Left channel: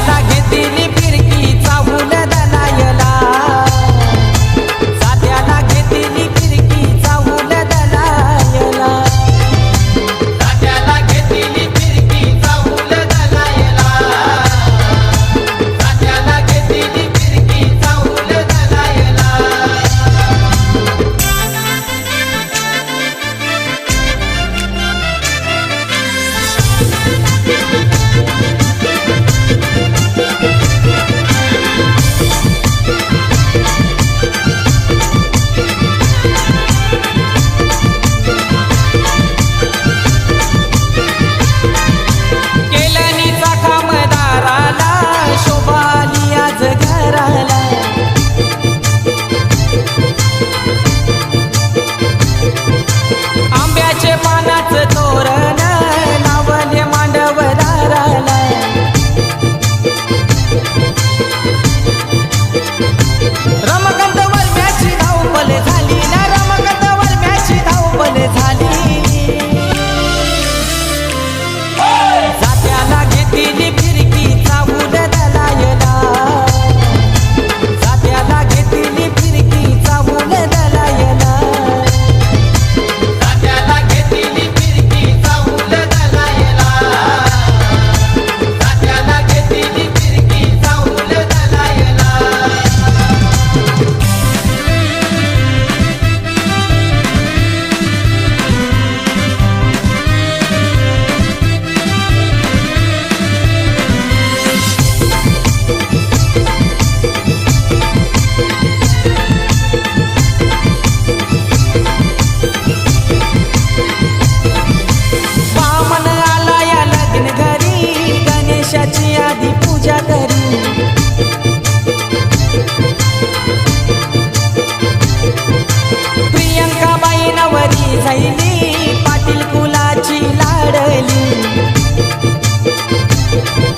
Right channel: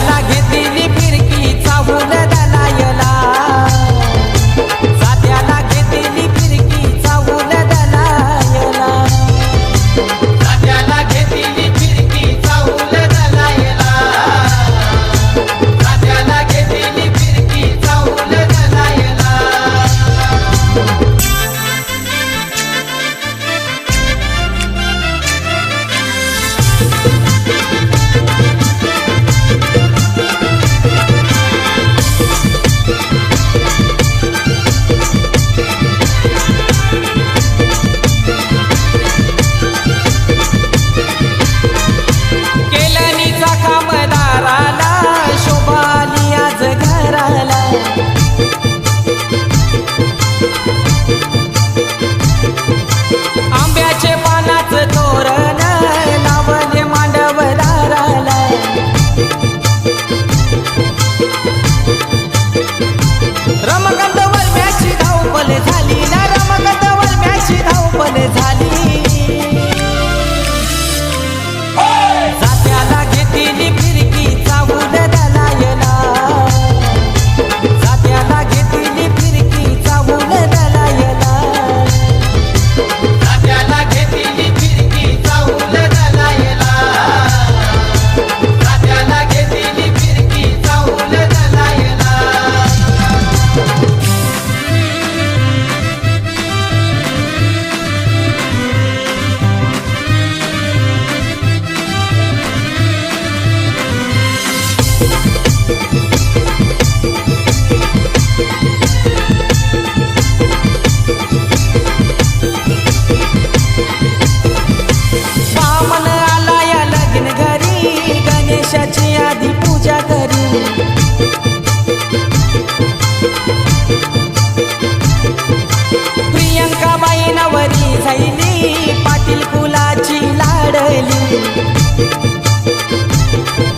जात्याला घेतली फिरकी चाहूल दलायला, जात्याला घेतली फिरकी चाहूल दलायला, जात्याला घेतली फिरकी चाहूल दलायला, जात्याला घेतली फिरकी चाहूल दलायला। केलनीचा कामदाराला शोभाली आज घराला, आंब्याचे पानाचं तोरण लावले मांडवदाराला, रमकांत वरम्याची धावपल झाली ना, रमकांत वरम्याची धावपल झाली, जात्याला घेतली फिरकी चाहूल दलायला, जात्याला घेतली फिरकी चाहूल दलायला, जात्याला घेतली फिरकी चाहूल दलायला, जात्याला घेतली फिरकी चाहूल दलायला। बामण आला या लग्न घरी, गणेशाची आधी पूजा करी, प्रियंका बाई नवरी झाली, पाटील कुलाची लाडली,